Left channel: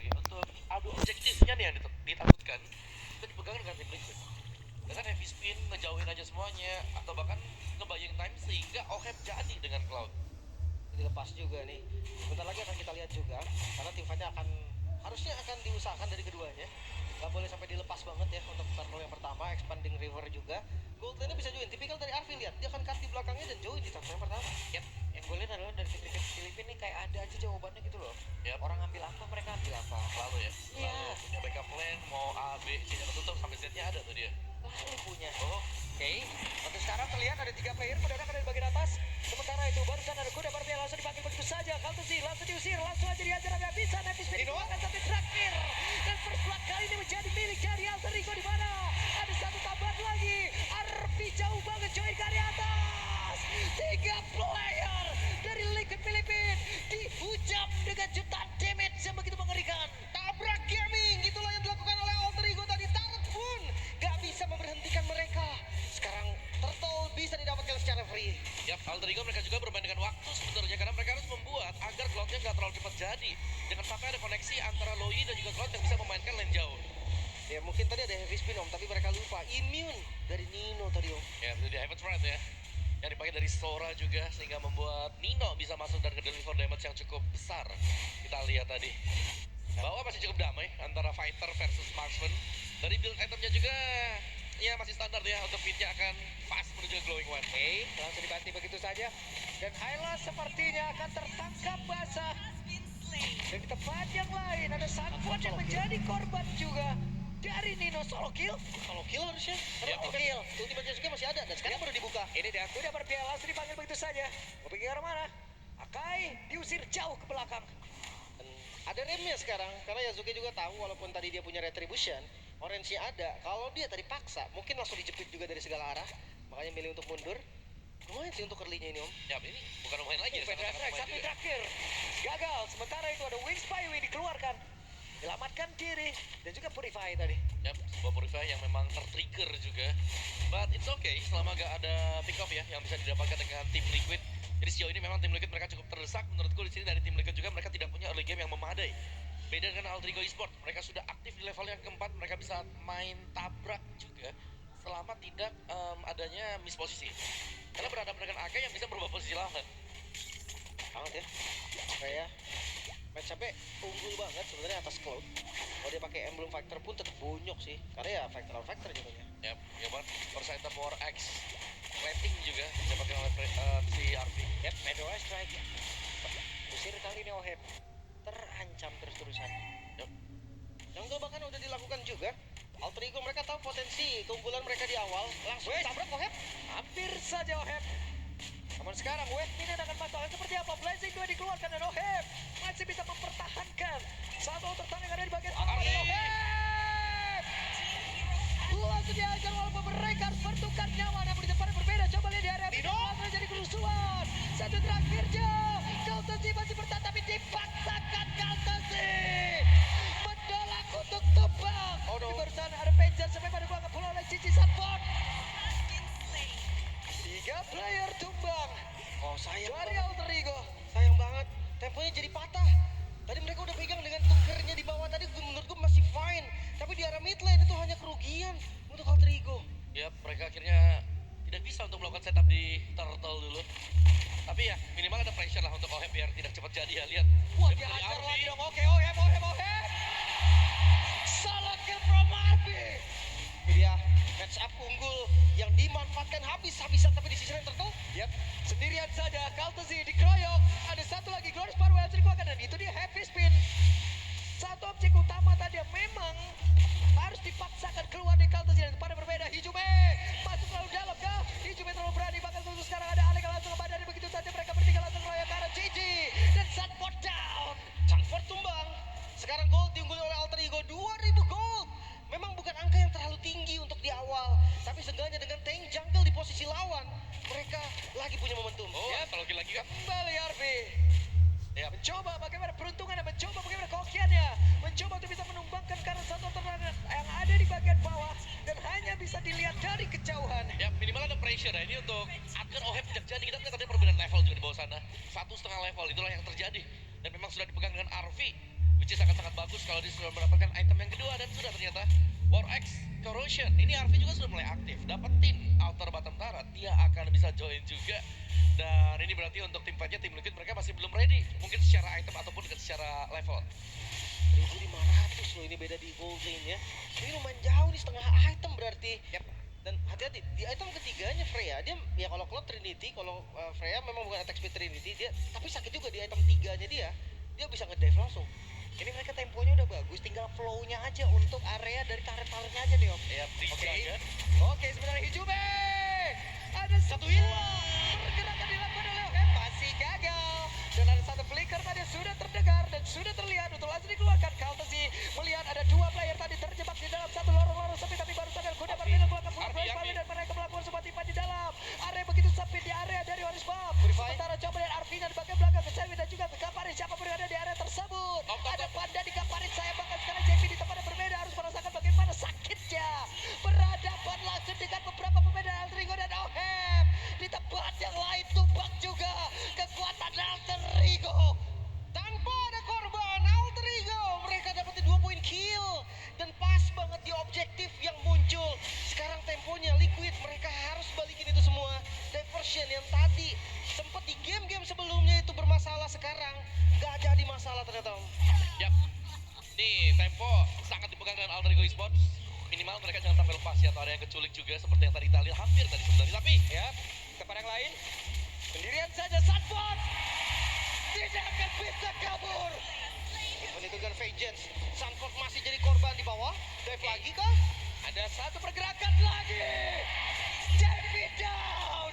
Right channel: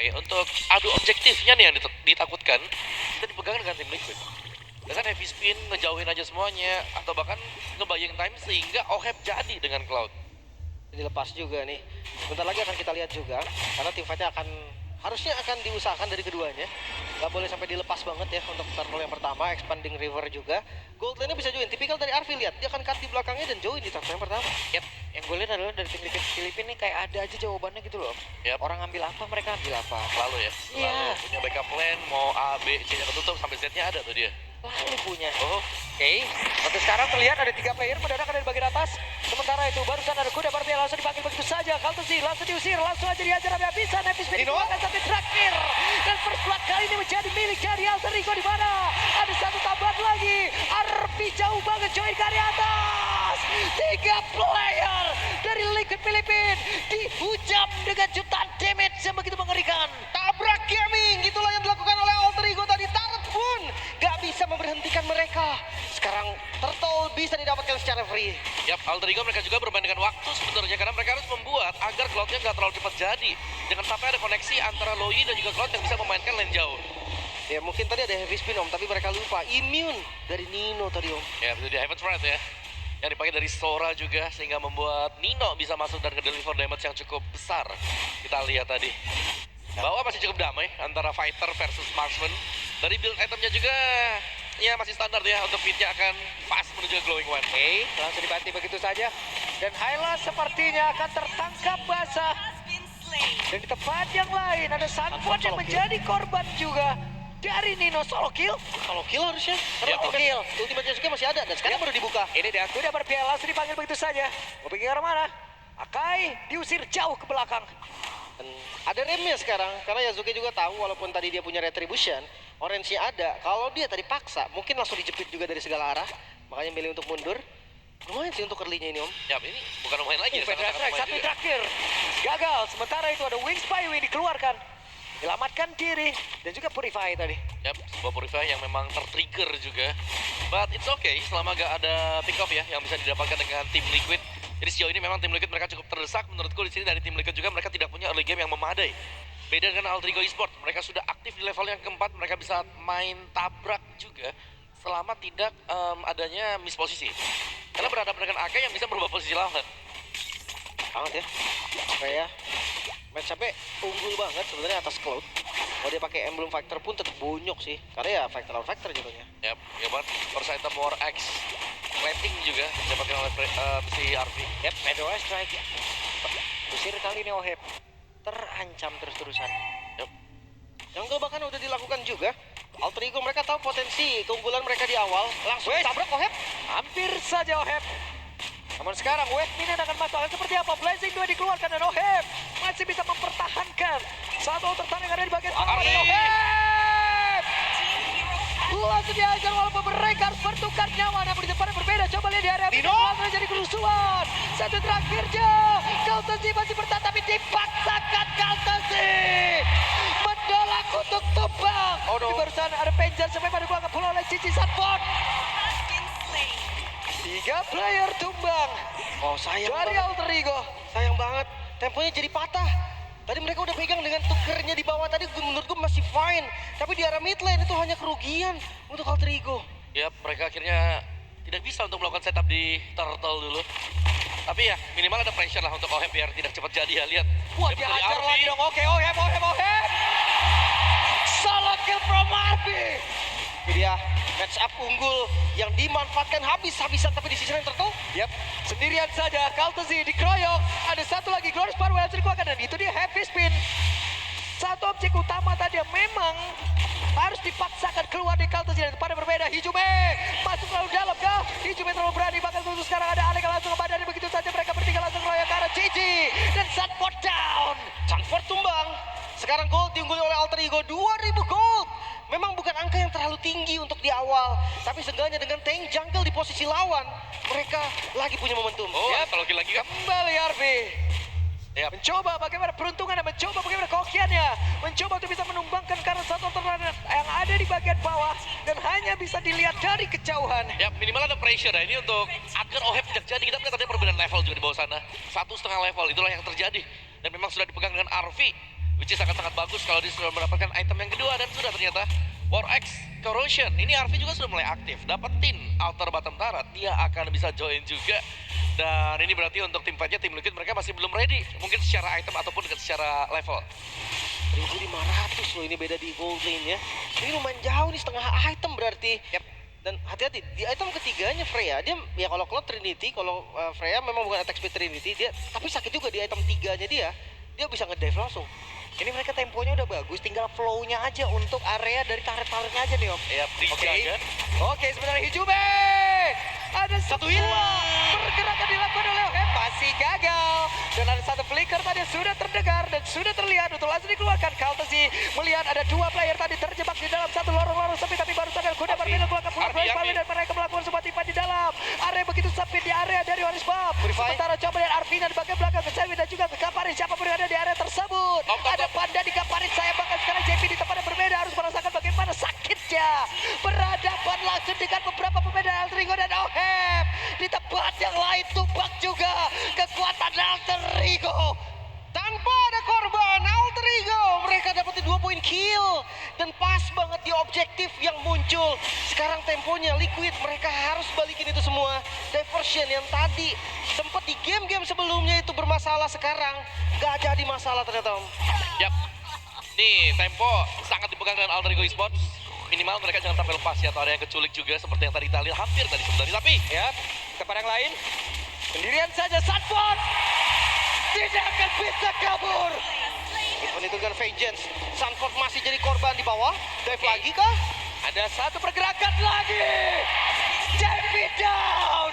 dipakai untuk adu objektifnya nih yang ditakutkan kita dipegang dengan tim Liquid. Dengan heavy spin ngejauhin aja semuanya atau bahkan ngebayang time sehingga OHEP jadi dengan Cloud. Dilepas juga nih. Bentar lagi akan kita lihat juga karena tim fightnya harusnya akan diusahakan dari keduanya. Gak boleh sampai dilepas banget ya untuk turtle yang pertama, expanding river juga. Gold lane-nya bisa join, tipikal dari Arvi, lihat dia akan cut di belakangnya dan join di turtle yang pertama. Yap, yang gue lihat adalah dari tim Liquid Filipina nih kayak ada aja jawabannya gitu loh. Yap. Orang ambil apa, mereka ambil apa. Selalu ya, selalu Iya. punya backup plan, mau A, B, C-nya ketutup sampai Z-nya ada tuh dia. Lalu punya. Oke. Untuk sekarang terlihat ada 3 player mendadak dari bagian atas. Sementara itu barusan ada kuda berarti langsung dipanggil begitu saja. Kaltusi langsung diusir, langsung aja dihajar habis-habisan. Happy Spin dikeluarkan sampai terakhir. Dan first blood kali ini menjadi milik dari Alter Ego di mana ada satu tambahan lagi. Arpi jauh banget join ke area atas. 3 player dari Liquid Filipina dihujam dengan jutaan damage yang begitu mengerikan. Tabrak gaming, itulah yang dilakukan oleh Alter Ego tadi. Turret pun gak bisa memberhentikan mereka. Sekarang turtle bisa didapatkan secara free. Yap, Alter Ego mereka juga bermain dengan waktu sebenarnya karena mereka harus membuat agar Cloud-nya nggak terlalu cepat jadi. Jangan sampai ada koneksi antara Loi dan juga Cloud yang bisa memainkan lane jauh. Ya mungkin tadi ada heavy spin om, tapi mereka lupa immune dari Nino tadi om. Ya, itu dia Heaven's Wrath ya. Yang dipakai dari Sora juga sehingga membuat Nino bisa masuk dan ke-deliver damage yang cukup besar. Kita lihat tadi. Bahwa masih cukup damai antara fighter versus marksman. Dari build itemnya juga ya masih standar ya, untuk fitnya akan fast menuju ke glowing one. Oke, langsung dibanti begitu saja. Dan Hyla sepertinya akan tertangkap basah. Dan di tempat yang lain ada Sunford yang menjadi korban juga dari Nino. Solo kill. Kalau kill harusnya, karena Ya, kill. Ultimate juga masih ada dan sekarang baru dibuka. Ini dia kuda berpiala langsung dipanggil begitu saja. Mau pergi ke arah mana? Akai diusir jauh ke belakang. Dan ada remnya sekarang, karena Yazuki juga tahu walaupun tadi dia punya retribution, orange-nya ada. Kalau dia tadi paksa, mungkin langsung dijepit juga dari segala arah. Makanya milih untuk mundur. Lumayan sih untuk early-nya ini om. Ya, ini bukan main lagi. Federal Strike satu terakhir. Gagal. Sementara itu ada Wings by Wing dikeluarkan. Menyelamatkan diri dan juga Purify tadi. Yap, sebuah Purify yang memang tertrigger juga. But it's okay selama gak ada pick off ya yang bisa didapatkan dengan tim Liquid. Jadi sejauh ini memang tim Liquid mereka cukup terdesak. Menurutku di sini dari tim Liquid juga mereka tidak punya early game yang memadai. Beda dengan Alter Ego Esports, mereka sudah aktif di level yang keempat, mereka bisa main tabrak juga selama tidak adanya misposisi. Karena berhadapan dengan AK yang bisa merubah posisi lawan. Banget ya. Kayak match up-nya unggul banget sebenarnya atas Cloud. Kalau dia pakai emblem factor pun tetap bonyok sih. Karena ya factor lawan factor jatuhnya. Yap, ya banget. First item War X plating juga didapatkan oleh si Arvi. Yep, Federal Strike. Usir kali ini Ohep. Terancam terus-terusan. Yap. Jungle bahkan udah dilakukan juga. Alter Ego mereka tahu potensi keunggulan mereka di awal. Langsung tabrak Ohep. Hampir saja Ohep. Namun sekarang West Minion akan masuk. Akan seperti apa? Blazing 2 dikeluarkan dan Ohep masih bisa mempertahankan satu tertahan yang ada di bagian bawah. Ari. Ohep langsung dihajar walaupun mereka harus bertukar nyawa. Namun di depan yang berbeda. Coba lihat di area Dino. langsung jadi kerusuhan. Satu terakhirnya. Kaltesi masih bertahan tapi dipaksakan Kaltesi menolak untuk tumbang. Oh, no. Di barusan ada Penjar sampai pada gua pula oleh Cici Sunford. 3 player tumbang Oh sayang dari banget. Alter Ego. Sayang banget. Temponya jadi patah. Tadi mereka udah pegang dengan tukernya di bawah tadi menurut gue masih fine. Tapi di arah mid lane itu hanya kerugian untuk Alter Ego. Yap, mereka akhirnya tidak bisa untuk melakukan setup di turtle dulu. Tapi ya minimal ada pressure lah untuk Ohep biar tidak cepat jadi ya. Lihat. Wah, Dia dia dari hajar Arvi. lagi dong. Oke, Ohep. Solo kill from Arby. Ini dia match up unggul yang dimanfaatkan habis-habisan tapi di sisi lain Turtle. Yap, sendirian saja. Kaltesi dikeroyok. Ada satu lagi Glorious Power yang dikeluarkan dan itu dia heavy spin. Satu objek utama tadi yang memang harus dipaksakan keluar di Kaltesi dan pada berbeda. Hijume masuk terlalu dalam kah? Hijume terlalu berani. Bahkan khusus sekarang ada Alek yang langsung ke badan. Begitu saja mereka bertiga langsung keroyok ke arah Gigi dan Sunford down. Sunford tumbang. Sekarang gold diungguli oleh Alter Ego 2000 gold. Memang bukan angka yang terlalu tinggi untuk di awal, tapi seenggaknya dengan tank jungle di posisi lawan, mereka lagi punya momentum. Oh, kalau lagi kan. Kembali Arby. Yap. Mencoba bagaimana peruntungan dan mencoba bagaimana kokiannya. Mencoba untuk bisa menumbangkan karena satu terlalu yang ada di bagian bawah dan hanya bisa dilihat dari kejauhan. Ya minimal ada pressure ya ini untuk agar Ohep tidak jadi. Kita melihat ada perbedaan level juga di bawah sana. 1,5 level itulah yang terjadi. Dan memang sudah dipegang dengan Arvi. Which which is sangat-sangat bagus kalau dia sudah mendapatkan item yang kedua. Dan sudah ternyata War X Corrosion. Ini RV juga sudah mulai aktif. Dapetin Outer Bottom Turret, dia akan bisa join juga. Dan ini berarti untuk tim fightnya, tim Liquid mereka masih belum ready. Mungkin secara item ataupun secara level. 1500 loh ini beda di gold lane ya. Ini lumayan jauh nih, setengah item berarti. Dan hati-hati, di item ketiganya Freya, dia ya kalau Cloud Trinity, kalau Freya memang bukan attack speed Trinity, dia tapi sakit juga di item 3-nya dia bisa ngedive langsung. Ini mereka temponya udah bagus, tinggal flow-nya aja untuk area dari turret-turretnya aja nih Om. Ya, dijaga. Oke, sebenarnya Hijume. Ada satu pergerakan dilakukan oleh Ohep, masih gagal. Dan ada satu flicker tadi yang sudah terdengar dan sudah terlihat untuk langsung dikeluarkan. Kaltesi melihat ada dua player tadi terjebak di dalam satu lorong-lorong sempit, tapi baru sadar kuda berbeda keluarkan pula Flash dan mereka melakukan sebuah tipa di dalam area begitu sempit di area dari Orange Bomb. Sementara coba lihat Arvina di bagian belakang ke Selwyn dan juga ke Kaparin, siapapun yang ada di area tersebut. Ada Panda di Kaparin, saya bahkan sekarang JP di tempat yang berbeda harus merasakan bagaimana sakitnya berhadapan langsung dengan beberapa pemain Alter Ego dan Ohep. Di tempat yang lain tumbang juga kekuatan Alter Ego. Tanpa ada korban, Alter Ego mereka dapetin 2 poin kill. Dan pas banget di objektif yang muncul. Sekarang temponya Liquid, mereka harus balikin itu semua. Diversion yang tadi sempat di game-game sebelumnya itu bermasalah, sekarang gak jadi masalah ternyata Om. Yap. Nih, tempo sangat dipegang dengan Alter Ego Esports. Minimal mereka jangan sampai lepas ya, atau ada yang keculik juga seperti yang tadi kita lihat hampir tadi sebenarnya. Tapi Ya, tempat yang lain sendirian saja Sanford tidak akan bisa kabur. Event itu dengan Vengeance, Sanford masih jadi korban di bawah. Dive lagi kah? Ada satu pergerakan lagi. JP down.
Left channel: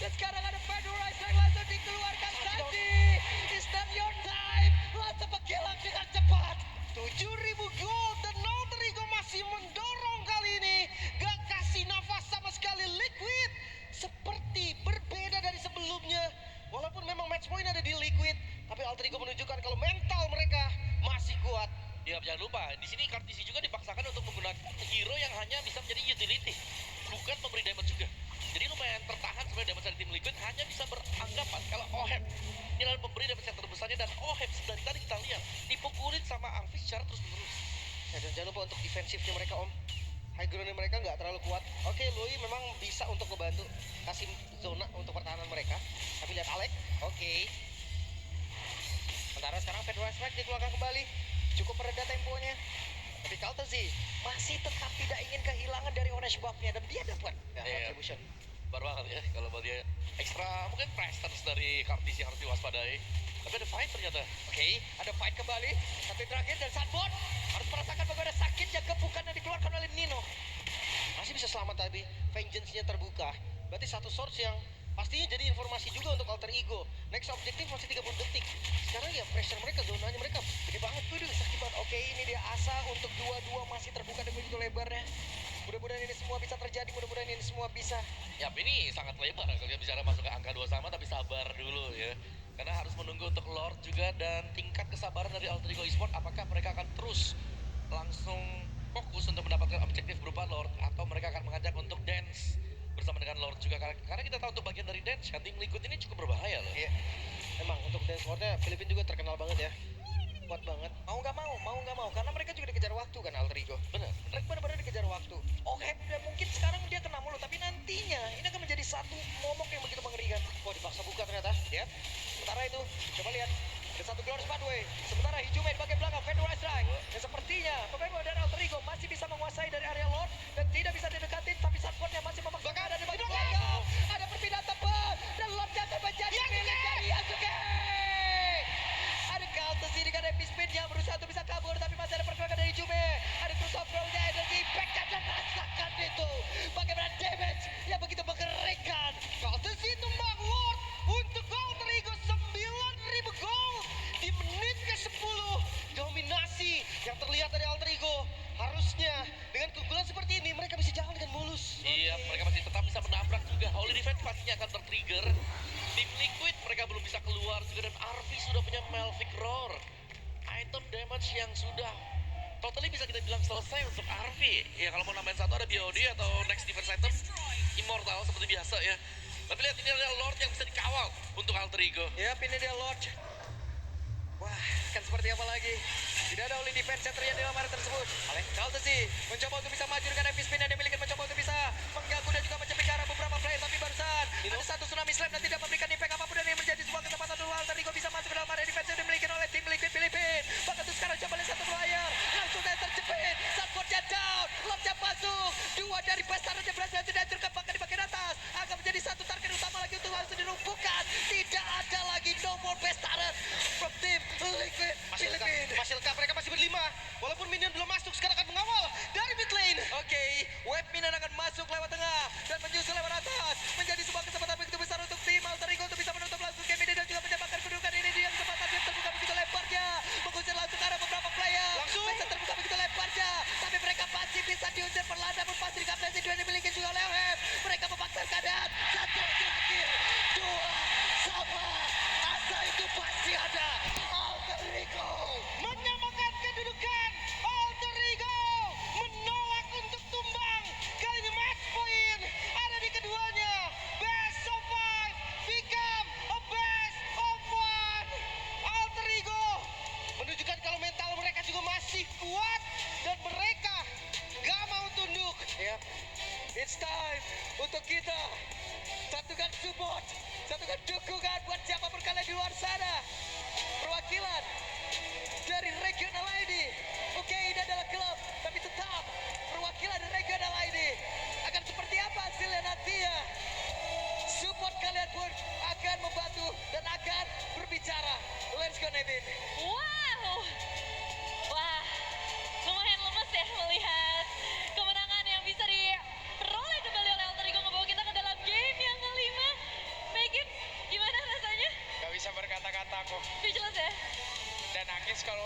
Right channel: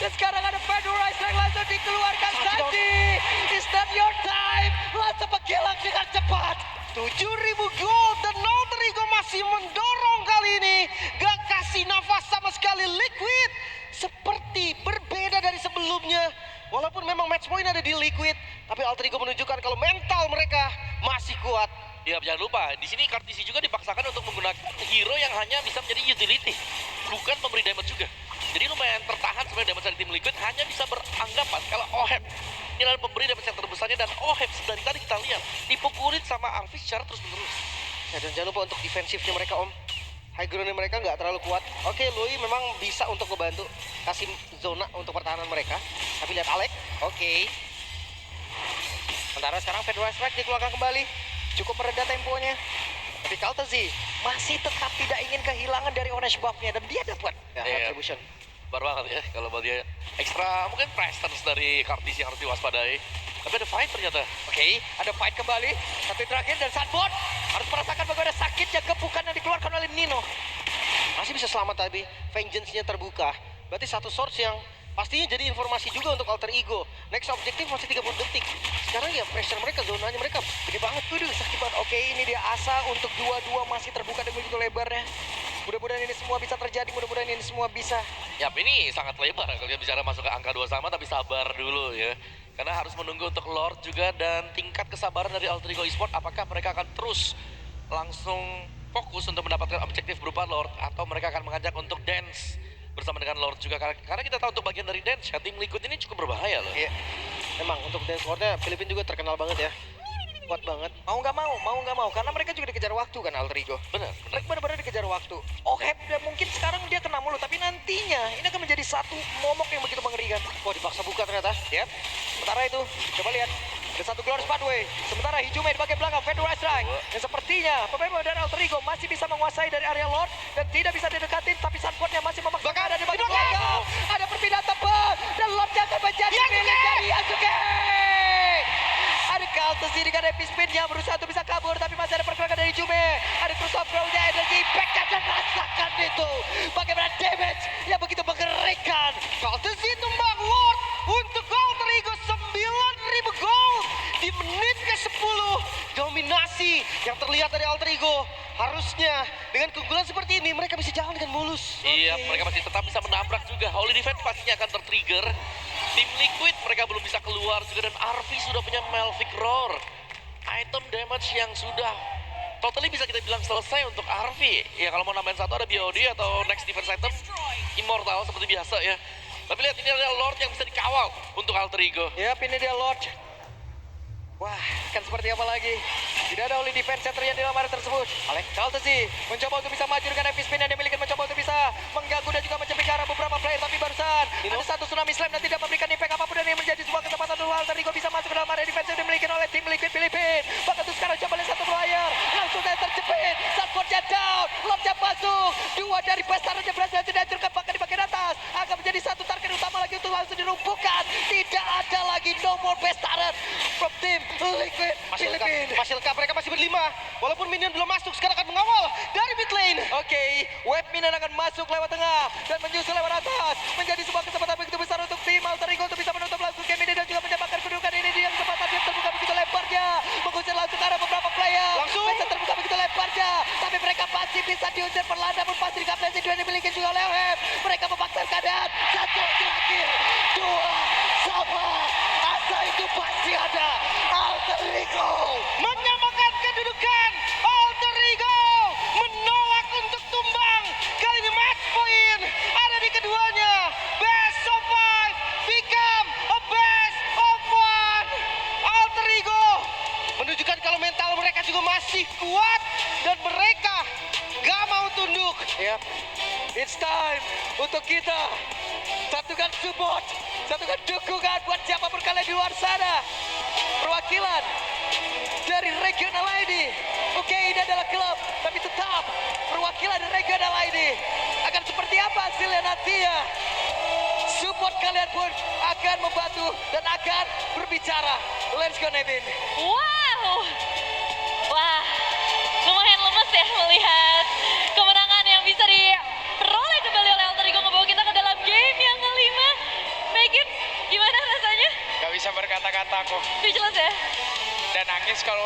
Dan sekarang ada Fedorize yang langsung dikeluarkan. Sanji, it's not your time. Langsung menghilang dengan cepat. 7.000 gold dan Alter Ego masih mendorong kali ini. Gak kasih nafas sama sekali Liquid. Seperti berbeda dari sebelumnya. Walaupun memang match point ada di Liquid, tapi Alter Ego menunjukkan kalau mental mereka masih kuat. ya jangan lupa, di sini Kartisi juga dipaksakan untuk menggunakan hero yang hanya bisa menjadi utility, bukan pemberi damage juga. Jadi lumayan tertahan sebenarnya damage dari tim Liquid, hanya bisa beranggapan kalau Ohep ini adalah pemberi damage yang terbesarnya, dan Ohep dari tadi kita lihat dipukulin sama Arvis secara terus-menerus. Ya, dan jangan lupa untuk defensifnya mereka Om. High groundnya mereka nggak terlalu kuat. Oke, Lui memang bisa untuk membantu kasih zona untuk pertahanan mereka. Tapi lihat Alek, Oke. Sementara sekarang Federal Strike dikeluarkan kembali. Cukup mereda temponya. Tapi Kaltezi masih tetap tidak ingin kehilangan dari orange buff-nya. Dan dia dapat. ya, Iya. Retribution. Bar banget ya kalau buat dia ekstra mungkin presence dari Kartisi yang harus diwaspadai. Tapi ada fight ternyata. Oke, ada fight kembali. Satu terakhir dan Sanford harus merasakan bagaimana sakitnya gepukan yang dikeluarkan oleh Nino. Masih bisa selamat tapi Vengeance-nya terbuka. Berarti satu source yang pastinya jadi informasi juga untuk Alter Ego. Next objektif masih 30 detik. Sekarang ya pressure mereka, zonanya mereka gede banget. Waduh, sakit banget. Oke, ini dia asa untuk dua-dua masih terbuka dan begitu lebarnya. Mudah-mudahan ini semua bisa terjadi, mudah-mudahan ini semua bisa. Ya ini sangat lebar kalau dia bicara masuk ke angka 2 sama, tapi sabar dulu ya. Karena harus menunggu untuk Lord juga, dan tingkat kesabaran dari Alter Ego Esports, apakah mereka akan terus langsung fokus untuk mendapatkan objektif berupa Lord, atau mereka akan mengajak untuk dance bersama dengan Lord juga. Karena kita tahu untuk bagian dari dance ya, tim Liquid ini cukup berbahaya loh. Iya. Memang untuk dance floor-nya Filipina juga terkenal banget ya. Kuat banget. Mau nggak mau, karena mereka juga dikejar waktu kan Alter Ego. Benar. Mereka benar-benar dikejar waktu. Ohep dan mungkin sekarang dia kena mulu, tapi nantinya ini akan menjadi satu momok yang begitu mengerikan. Wah, dipaksa buka ternyata. Ya, sementara itu coba lihat ada satu Glorious Pathway. Sementara Hijume di bagian belakang Federal Strike. Dan sepertinya pemain dari Alter Ego masih bisa menguasai dari area Lord dan tidak bisa didekatin, tapi Sanfordnya masih memaksa ada di bagian belakang. Ada perpindahan tepat dan Lordnya akan menjadi milik dari Yasuke. Ada Kaltesi dengan epic spin-nya berusaha untuk bisa kabur, tapi masih ada pergerakan dari Hijume. Ada Cruise of Ground-nya, energi impact-nya, dan rasakan itu. Bagaimana damage yang begitu mengerikan. Kaltesi tumbang Lord untuk Alter Ego 9.000 gold di menit ke-10. Dominasi yang terlihat dari Alter Ego. Harusnya dengan keunggulan seperti ini mereka bisa jalan dengan mulus. Iya, mereka masih tetap bisa menabrak juga. Holy Defense pastinya akan tertrigger. Tim Liquid mereka belum bisa keluar juga, dan RV sudah punya Melvic Roar. Item damage yang sudah totally bisa kita bilang selesai untuk RV. Ya kalau mau nambahin satu ada BOD atau next defense item Immortal seperti biasa ya. Tapi lihat ini adalah Lord yang bisa dikawal untuk Alter Ego. Yap, ini dia Lord. Wah, kan seperti apa lagi? Tidak ada kembali defense yang terjadi dalam area tersebut. Kaltesi mencoba untuk bisa maju dengan heavy spin yang dimiliki, mencoba untuk bisa mengganggu dan juga mencuri ke arah beberapa player, tapi barusan ada satu tsunami slam dan tidak memberikan impact apapun, dan ini menjadi sebuah kesempatan untuk Alterigo bisa masuk ke dalam area defense yang dimiliki oleh tim Liquid Filipina. Bahkan untuk sekarang coba lihat satu player langsung saja terjepit, Sunspotnya down, lompnya masuk, dua dari Pestarnya berhasil dihancurkan, bahkan di bagian atas akan menjadi satu target utama lagi untuk langsung dirumpukan. Tidak ada lagi no more Pestarnya from tim Liquid Filipina. Masih lengkap, mereka masih berlima. Walaupun minion belum masuk, sekarang akan mengawal dari mid lane. Oke, wave minion akan masuk lewat tengah dan menyusul lewat atas. Menjadi sebuah kesempatan begitu besar untuk tim Alterigo untuk bisa menutup langsung game ini dan juga mendapatkan kedudukan ini. Dia kesempatan yang terbuka begitu lebarnya, mengusir langsung ke arah beberapa player. Langsung. Bisa terbuka begitu lebarnya, tapi mereka masih bisa diusir perlahan, namun pasti dikapten dua dimiliki juga oleh Web. Mereka memaksa keadaan. Satu terakhir, dua sama. Asa itu pasti ada. Alterigo Menyamakan kedudukan. Alterigo menolak untuk tumbang. Kali ini match point ada di keduanya. Best of 5 become a best of 1. Alterigo menunjukkan kalau mental mereka juga masih kuat dan mereka gak mau tunduk. Ya, it's time untuk kita satukan support, satukan dukungan buat siapapun kalian di luar sana. Perwakilan dari regional ID. Oke, ini adalah klub, tapi tetap perwakilan dari regional ID. Akan seperti apa hasilnya nantinya? Support kalian pun akan membantu dan akan berbicara. Let's go, Nevin. Wow,